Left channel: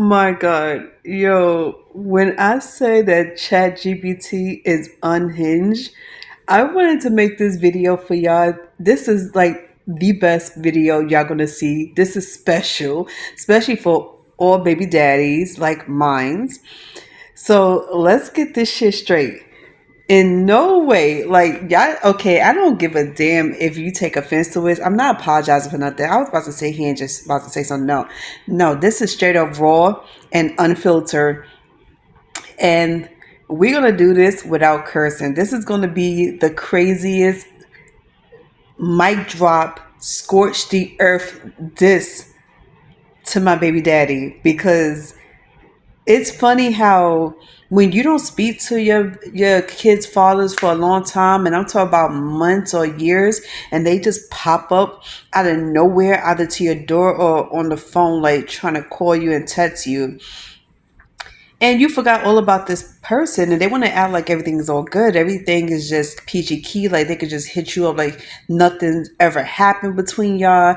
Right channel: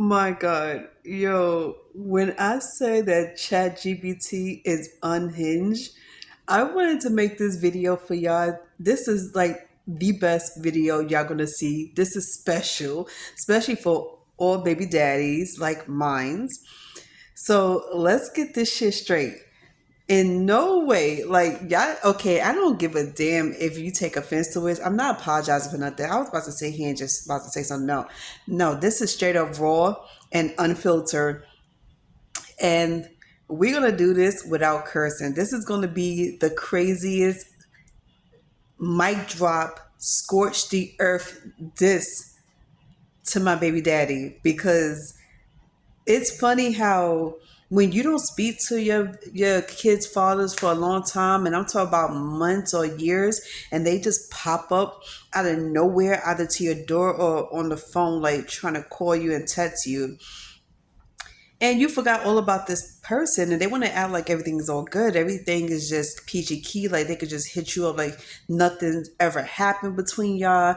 My God, yo, when I say that ChatGPT is unhinged, I wanted to make this video for y'all. This is like the best video y'all gonna see. This is special, especially for all baby daddies like mines. So let's get this shit straight. In no way, like y'all. Okay, I don't give a damn if you take offense to it. I'm not apologizing for nothing. I was about to say here and just about to say something. No, no, this is straight up raw and unfiltered, and we're gonna do this without cursing. This is gonna be the craziest mic drop, scorch the earth diss to my baby daddy because it's funny how when you don't speak to your kids' fathers for a long time, and I'm talking about months or years, and they just pop up out of nowhere, either to your door or on the phone, like trying to call you and text you, and you forgot all about this person, and they want to act like everything is all good, everything is just peachy key, like they could just hit you up like nothing ever happened between y'all.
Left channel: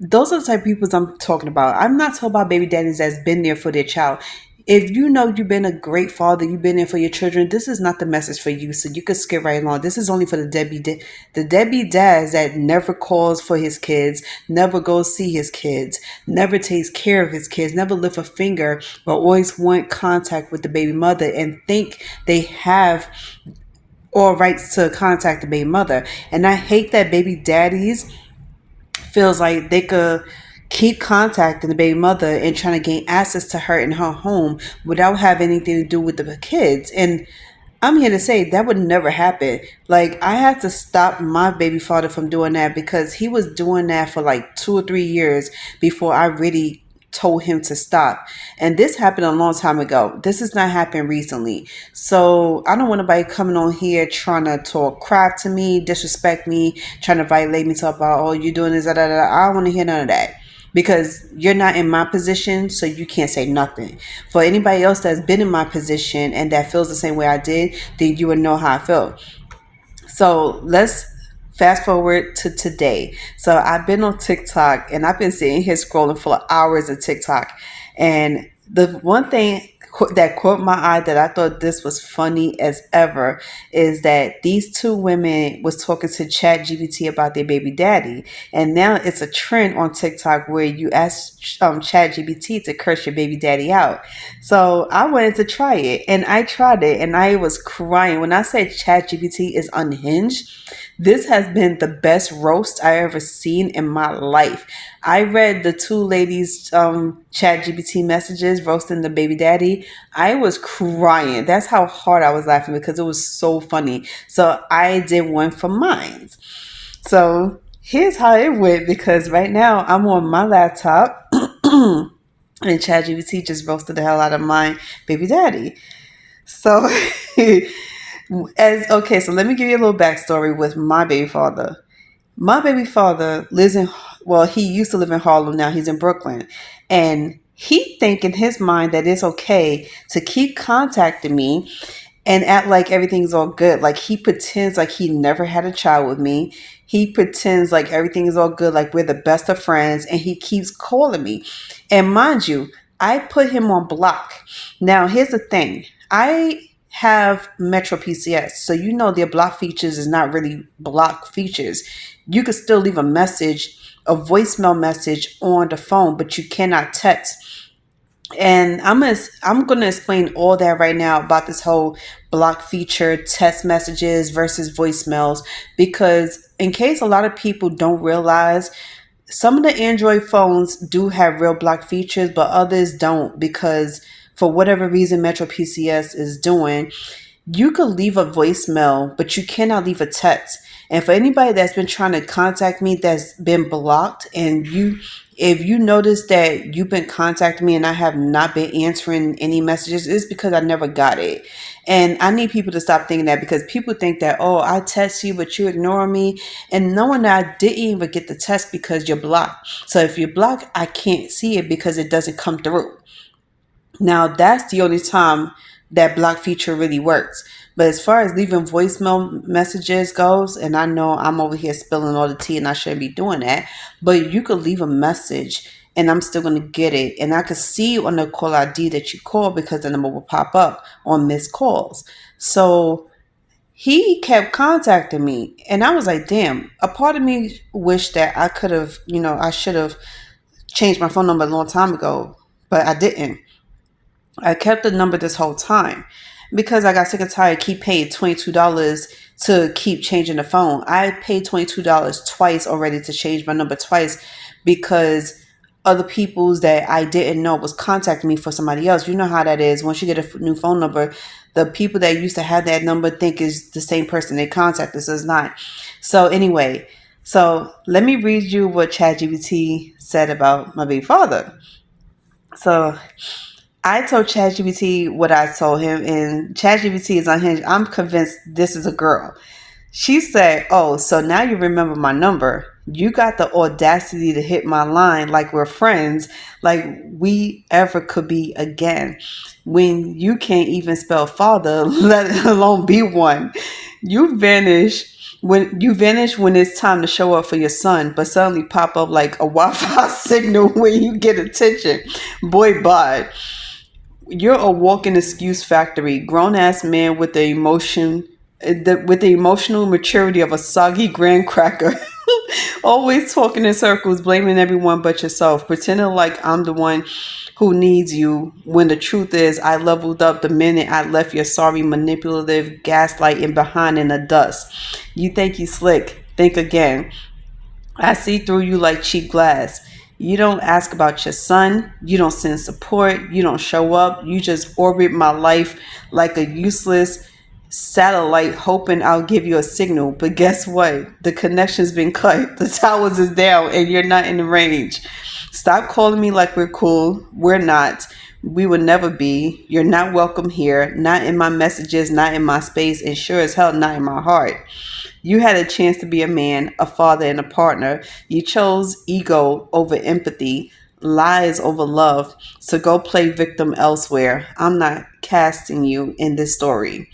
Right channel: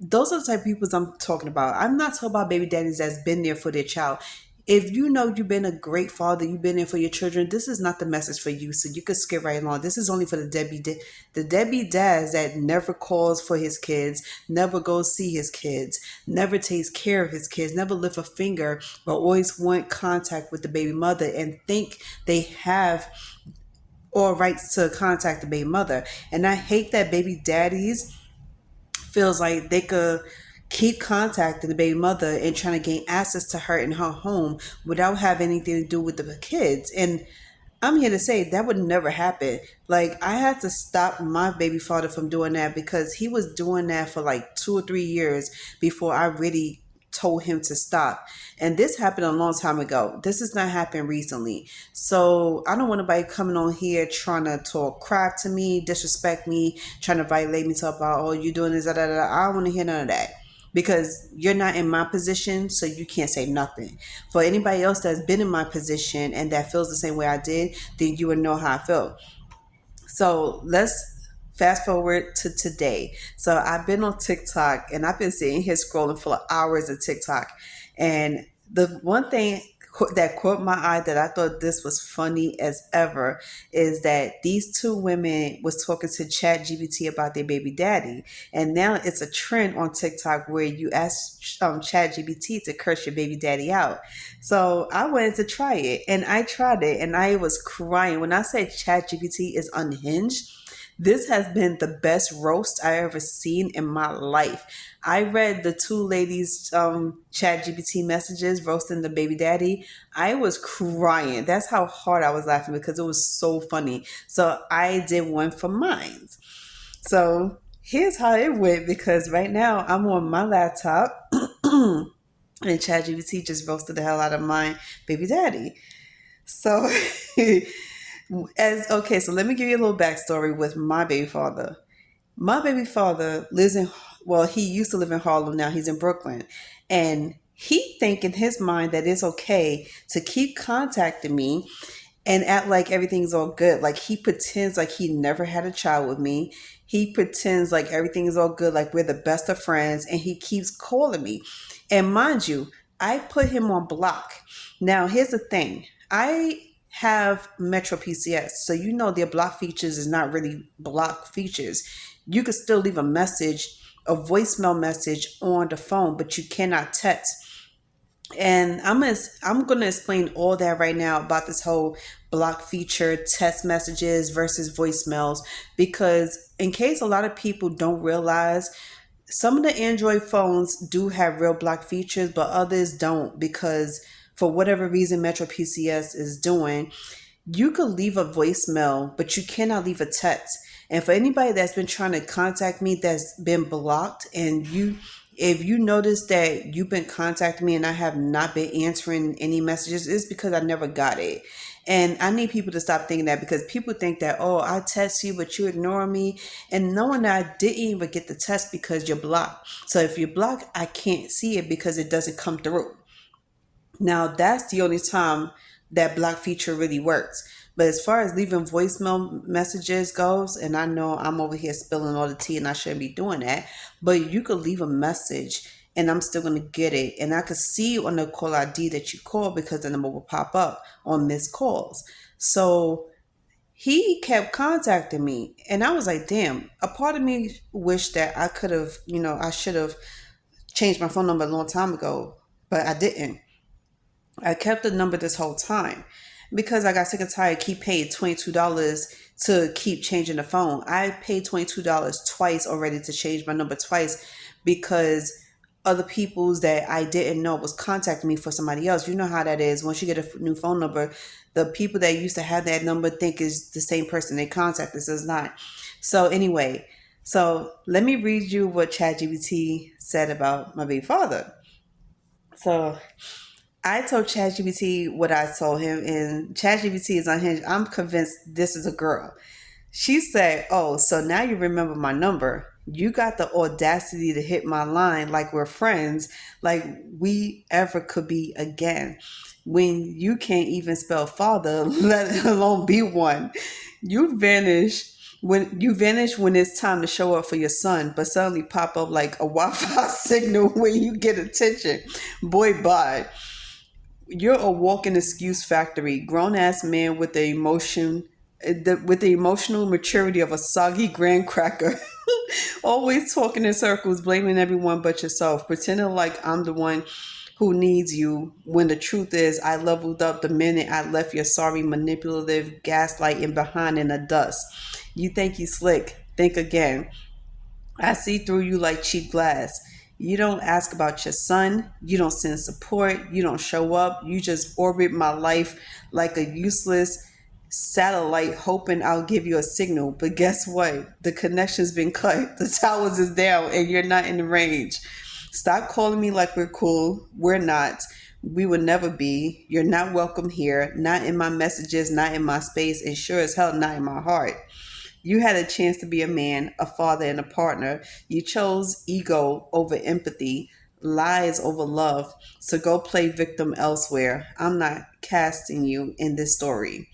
Those are the type of people I'm talking about. I'm not talking about baby daddies that's been there for their child. If you know you've been a great father, you've been there for your children, this is not the message for you. So you could skip right along. This is only for the deadbeat dads that never calls for his kids, never goes see his kids, never takes care of his kids, never lift a finger, but always want contact with the baby mother and think they have all rights to contact the baby mother. And I hate that baby daddies feels like they could keep contacting the baby mother and trying to gain access to her in her home without having anything to do with the kids. And I'm here to say that would never happen. Like, I had to stop my baby father from doing that because he was doing that for like 2 or 3 years before I really told him to stop. And this happened a long time ago. This has not happened recently. So I don't want anybody coming on here trying to talk crap to me, disrespect me, trying to violate me, talk about, oh, you're doing this, da, da, da. I don't want to hear none of that because you're not in my position, so you can't say nothing. For anybody else that's been in my position and that feels the same way I did, then you would know how I felt. So let's fast forward to today. So I've been on TikTok and I've been sitting here scrolling for hours of TikTok. And the one thing that caught my eye that I thought this was funny as ever is that these two women was talking to ChatGPT about their baby daddy, and now it's a trend on TikTok where you ask ChatGPT to curse your baby daddy out. So I wanted to try it, and I tried it, and I was crying when I said ChatGPT is unhinged. This has been the best roast I ever seen in my life. I read the two ladies' chat GPT messages roasting the baby daddy. I was crying. That's how hard I was laughing because it was so funny. So I did one for mine. So here's how it went because right now I'm on my laptop and ChatGPT just roasted the hell out of my baby daddy. So as okay, so let me give you a little backstory with my baby father. My baby father lives in, well, he used to live in Harlem. Now he's in Brooklyn. And he think in his mind that it's okay to keep contacting me and act like everything's all good. Like he pretends like he never had a child with me. He pretends like everything is all good, like we're the best of friends, and he keeps calling me. And mind you, I put him on block. Now, here's the thing. I have Metro PCS, so you know their block features is not really block features. You could still leave a message, a voicemail message on the phone, but you cannot text. And I'm gonna explain all that right now about this whole block feature, text messages versus voicemails, because in case a lot of people don't realize, some of the Android phones do have real block features, but others don't because for whatever reason Metro PCS is doing, you could leave a voicemail, but you cannot leave a text. And for anybody that's been trying to contact me that's been blocked, and if you notice that you've been contacting me and I have not been answering any messages, it's because I never got it. And I need people to stop thinking that, because people think that, oh, I text you, but you ignore me. And knowing that I didn't even get the text because you're blocked. So if you're blocked, I can't see it because it doesn't come through. Now, that's the only time that block feature really works. But as far as leaving voicemail messages goes, and I know I'm over here spilling all the tea and I shouldn't be doing that, but you could leave a message and I'm still going to get it. And I could see on the call ID that you called because the number will pop up on missed calls. So he kept contacting me. And I was like, damn, a part of me wished that I could have, I should have changed my phone number a long time ago, but I didn't. I kept the number this whole time because I got sick and tired. Keep paying $22 to keep changing the phone. I paid $22 twice already to change my number twice because other people's that I didn't know was contacting me for somebody else. You know how that is. Once you get a new phone number, the people that used to have that number think is the same person they contacted. So it's not. So anyway, so let me read you what ChatGPT said about my baby father. So I told ChatGPT what I told him, and ChatGPT is unhinged. I'm convinced this is a girl. She said, "Oh, so now you remember my number. You got the audacity to hit my line like we're friends, like we ever could be again. When you can't even spell father, let alone be one. You vanish." When it's time to show up for your son, but suddenly pop up like a Wi-Fi signal when you get attention. Boy, bye. You're a walking excuse factory. Grown ass man with with the emotional maturity of a soggy graham cracker. Always talking in circles, blaming everyone but yourself, pretending like I'm the one who needs you when the truth is I leveled up the minute I left your sorry, manipulative, gaslighting behind in the dust. You think you slick. Think again. I see through you like cheap glass. You don't ask about your son. You don't send support. You don't show up. You just orbit my life like a useless satellite, hoping I'll give you a signal. But guess what? The connection's been cut. The towers is down, and you're not in the range. Stop calling me like we're cool. We're not. We will never be. You're not welcome here. Not in my messages, not in my space, and sure as hell not in my heart. You had a chance to be a man, a father, and a partner. You chose ego over empathy, lies over love. So go play victim elsewhere. I'm not casting you in this story.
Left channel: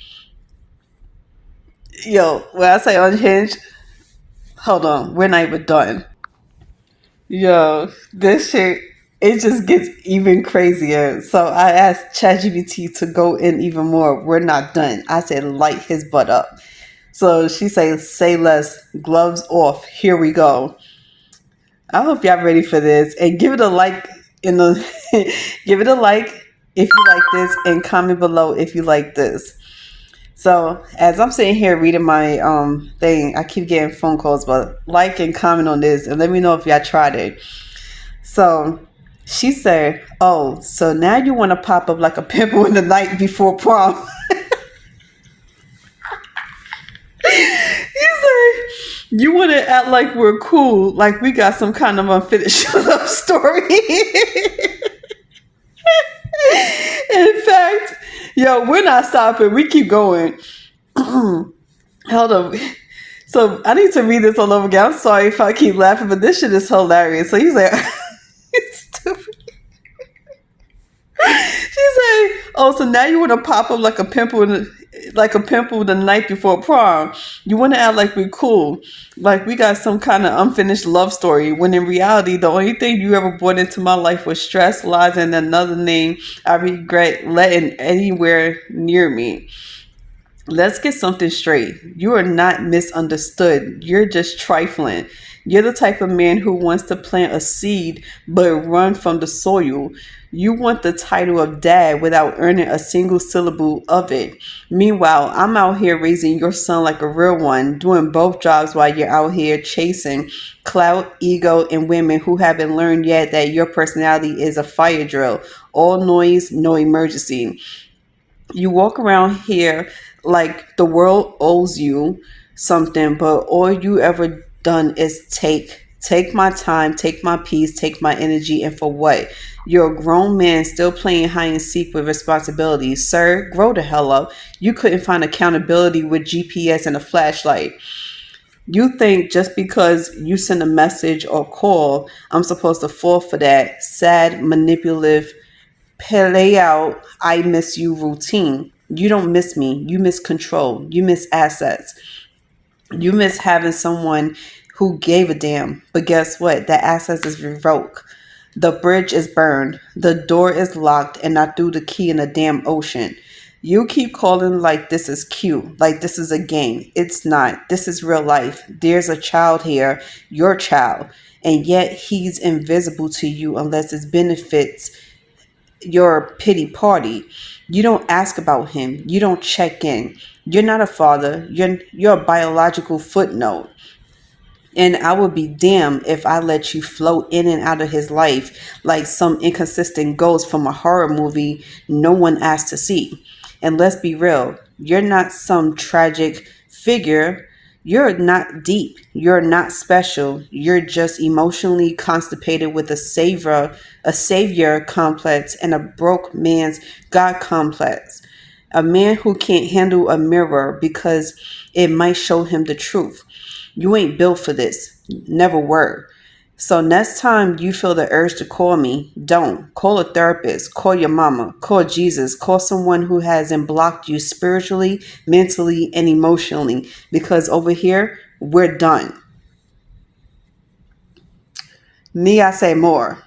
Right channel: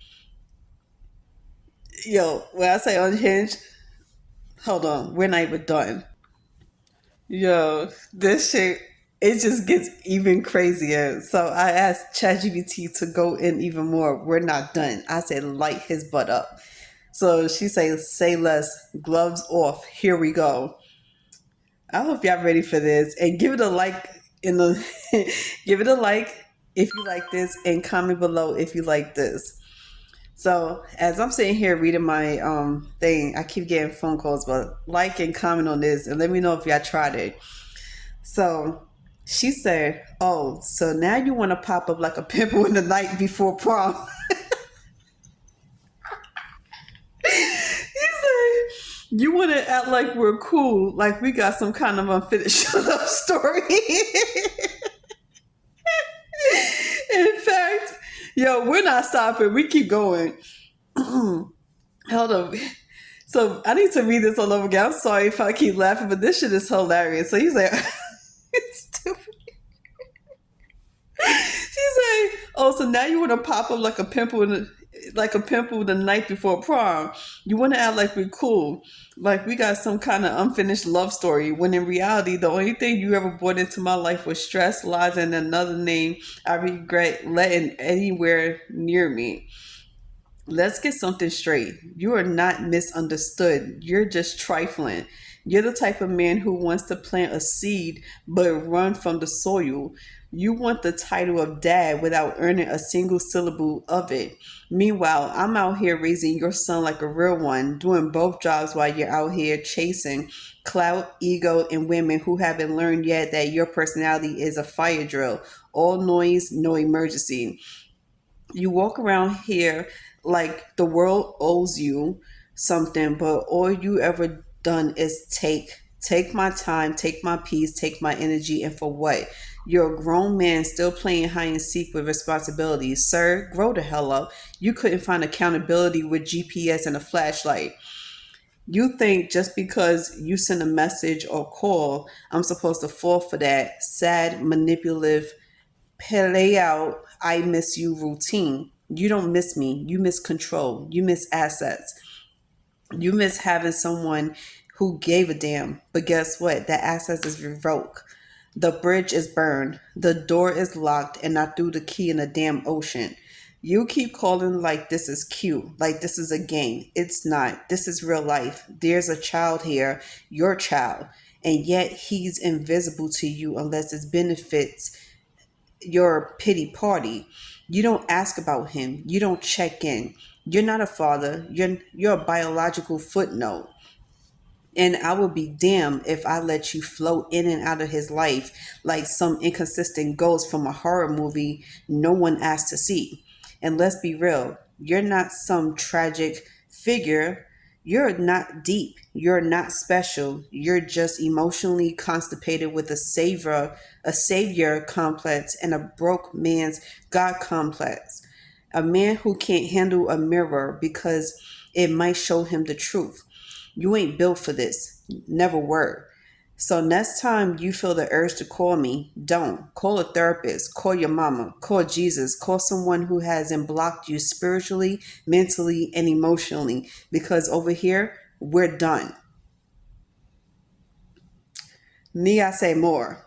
Yo, when I say unhinged, hold on, we're not even done. Yo, this shit, it just gets even crazier. So I asked ChatGPT to go in even more. We're not done. I said, light his butt up. So she say less, gloves off. Here we go. I hope y'all ready for this, and give it a like in the give it a like if you like this, and comment below if you like this. So as I'm sitting here reading my thing, I keep getting phone calls, but like and comment on this and let me know if y'all tried it. So she said, "Oh, so now you want to pop up like a pimple in the night before prom." You say you want to act like we're cool, like we got some kind of unfinished love story. In fact, yo, we're not stopping. We keep going. Hold on. So I need to read this all over again. I'm sorry if I keep laughing, but this shit is hilarious. So he's like, it's stupid. She's like, "Oh, so now you want to pop up like a pimple the night before prom. You want to act like we're cool, like we got some kind of unfinished love story. When in reality, the only thing you ever brought into my life was stress, lies, and another name I regret letting anywhere near me. Let's get something straight. You are not misunderstood. You're just trifling. You're the type of man who wants to plant a seed but run from the soil. You want the title of dad without earning a single syllable of it. Meanwhile, I'm out here raising your son like a real one, doing both jobs while you're out here chasing clout, ego, and women who haven't learned yet that your personality is a fire drill. All noise, no emergency. You walk around here like the world owes you something, but all you ever done is take my time, take my peace, take my energy, and for what? You're a grown man still playing hide and seek with responsibilities. Sir, grow the hell up. You couldn't find accountability with GPS and a flashlight. You think just because you send a message or call, I'm supposed to fall for that sad, manipulative, play out I miss you routine. You don't miss me. You miss control. You miss assets. You miss having someone who gave a damn. But guess what? That assets is revoked. The bridge is burned. The door is locked, and I threw the key in the damn ocean. You keep calling like this is cute, like this is a game. It's not. This is real life. There's a child here, your child, and yet he's invisible to you unless it benefits your pity party. You don't ask about him. You don't check in. You're not a father. You're a biological footnote. And I would be damned if I let you float in and out of his life like some inconsistent ghost from a horror movie no one asked to see. And let's be real, you're not some tragic figure. You're not deep. You're not special. You're just emotionally constipated with a savior complex, and a broke man's God complex. A man who can't handle a mirror because it might show him the truth. You ain't built for this. Never were. So next time you feel the urge to call me, don't. Call a therapist, call your mama, call Jesus, call someone who hasn't blocked you spiritually, mentally, and emotionally. Because over here, we're done. Me, I say more.